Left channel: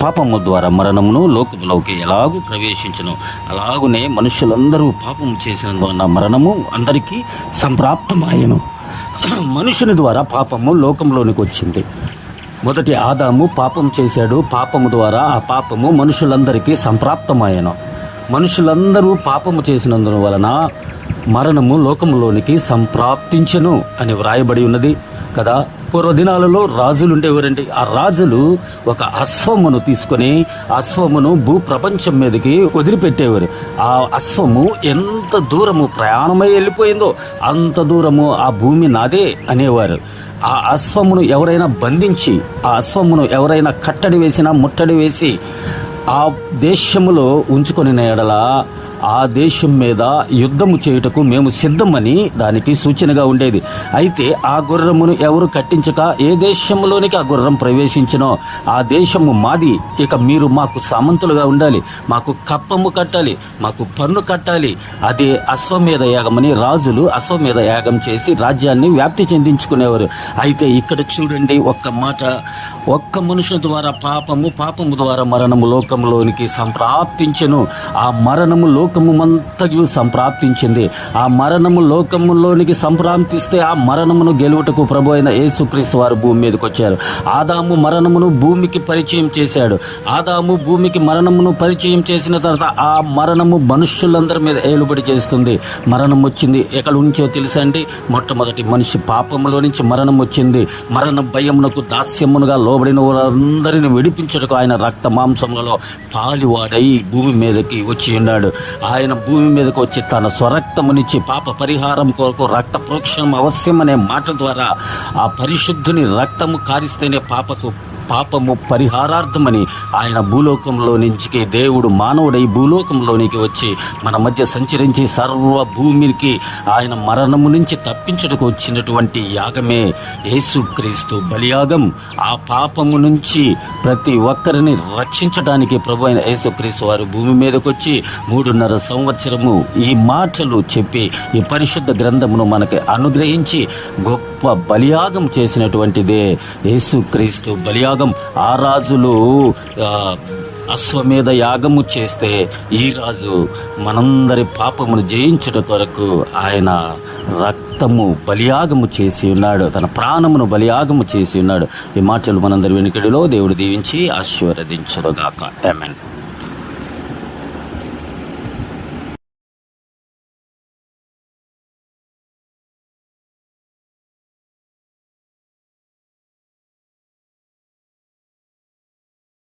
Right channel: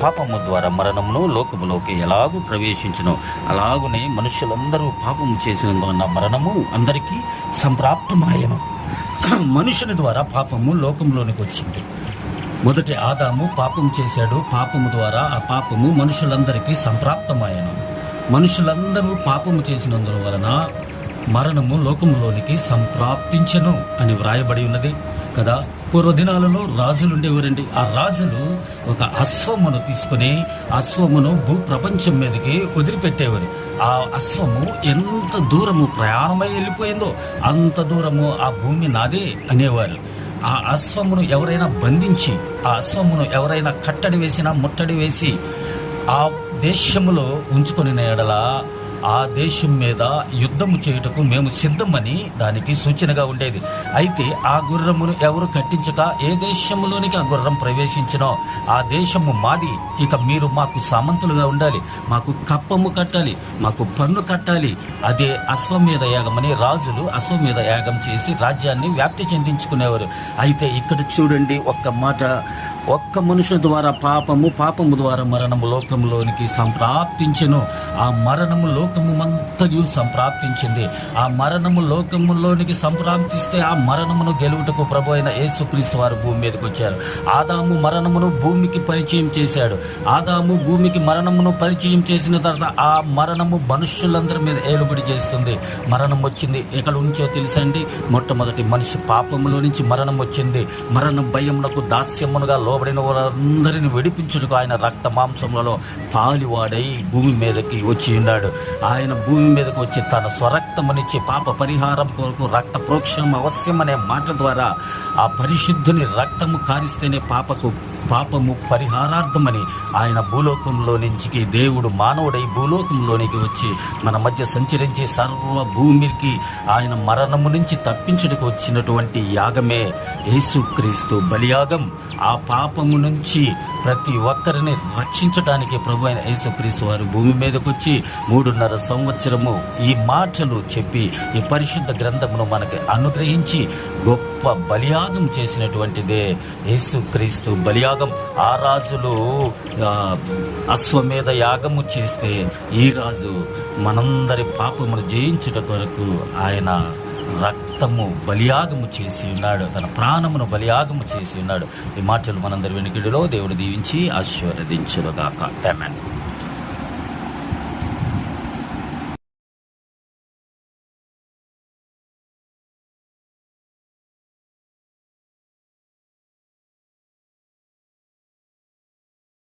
పాపము ద్వారా మరణమును లోకములోకి ఎలాగూ ప్రవేశించును, అలాగునే మనుషులందరూ పాపము చేసినందువల్ల మరణము అందరికీ సంప్రాప్తమాయను. మనుషుని ద్వారా పాపము లోకంలోనికి వచ్చింది. మొదటి ఆదాము పాపం చేశాడు. పాపము ద్వారా ఆ పాపము మనుషులందరికీ సంప్రాప్తమాయను. మనుషులందరూ పాపము చేసినందువలన మరణము లోకములోనికి సంప్రాప్తించెను అని వ్రాయబడి ఉన్నది కదా. పూర్వదినాలలో రాజులు ఉండేవారండి. ఆ రాజులు ఒక అశ్వమును తీసుకొని అశ్వమును భూ ప్రపంచం మీదకి వదిలిపెట్టేవారు. ఆ అశ్వము ఎంత దూరము ప్రయాణమై వెళ్ళిపోయిందో అంత దూరము ఆ భూమి నాదే అనేవారు. ఆ అశ్వమును ఎవరైనా బంధించి, ఆ అశ్వమును ఎవరైనా కట్టడి వేసినా, ముట్టడి వేసి ఆ దేశములో ఉంచుకొని ఎడల ఆ దేశం మీద యుద్ధము చేయుటకు మేము సిద్ధమని దానికి సూచనగా ఉండేది. అయితే ఆ గుర్రమును ఎవరు కట్టించక ఏ దేశంలోనికి ఆ గుర్రం ప్రవేశించినో ఆ దేశము మాది, ఇక మీరు మాకు సామంతులుగా ఉండాలి, మాకు కప్పము కట్టాలి, మాకు పన్ను కట్టాలి. అది అశ్వమేధ యాగమని రాజులు అశ్వమేధ యాగం చేసి రాజ్యాన్ని వ్యాప్తి చెందించుకునేవారు. అయితే ఇక్కడ చూడండి, ఒక్క మనుషుల ద్వారా పాపము ద్వారా మరణము లోకములోనికి సంప్రాప్తించెను. ఆ మరణము లోకముమంతయు సంప్రాప్తించింది. ఆ మరణము లోకములోనికి సంప్రాప్తిస్తే ఆ మరణమును గెలువటకు ప్రభు అయిన యేసుక్రీస్తు వారు భూమి మీదకి వచ్చారు. ఆదాము మరణమును భూమికి పరిచయం చేశాడు. ఆదాము భూమికి మరణమును పరిచయం చేసిన తర్వాత ఆ మరణము మనుష్యులందరి మీద ఏలుబడి చేస్తుంది. మరణం వచ్చింది ఎక్కడి నుంచో తెలుసండి? మొట్టమొదటి మనిషి పాపములో నుంచి మరణం వచ్చింది. మరణ భయమునకు దాస్యమునుగా లోబడిన వారందరిని విడిపించుటకు ఆయన రక్త మాంసములలో పాలివాడై భూమి మీదకి వచ్చి ఉన్నాడు. ఆయన భూమి మీదకి వచ్చి తన స్వరక్తమునిచ్చి పాప పరిహారం కొరకు రక్త ప్రోక్షణం అవశ్యం అనే మాట ద్వారా ఆ పరిశుద్ధుని రక్తము కారిస్తేనే పాపము పరిహారార్థమని ఆయన భూలోకంలో నుంచి దేవుడు మానవుడై భూలోకంలోనికి వచ్చి మన మధ్య సంచరించి సర్వ భూమికి ఆయన మరణము నుంచి తప్పించుటకు వచ్చినటువంటి యాగమే యేసుక్రీస్తు బలియాగం. ఆ పాపము నుంచి ప్రతి ఒక్కరిని రక్షించడానికి ప్రభు అయిన యేసుక్రీస్తు వారు భూమి మీదకి వచ్చి 3.5 సంవత్సరము ఈ మాటలు చెప్పి ఈ పరిశుద్ధ గ్రంథమును మనకి అనుగ్రహించి గొప్ప బలియాగం చేసినటువంటిదే యేసుక్రీస్తు బలియాగం. ఆ రాజులు అశ్వమేధ యాగము చేస్తే ఈ రాజు మనందరి పాపమును జయించుట కొరకు ఆయన రక్తము బలియాగము చేసి ఉన్నాడు, తన ప్రాణమును బలియాగము చేసి ఉన్నాడు. ఈ మాటలు మనందరి వెనుకడిలో దేవుడు దీవించి ఆశీర్వదించుగాక. ఆమేన్.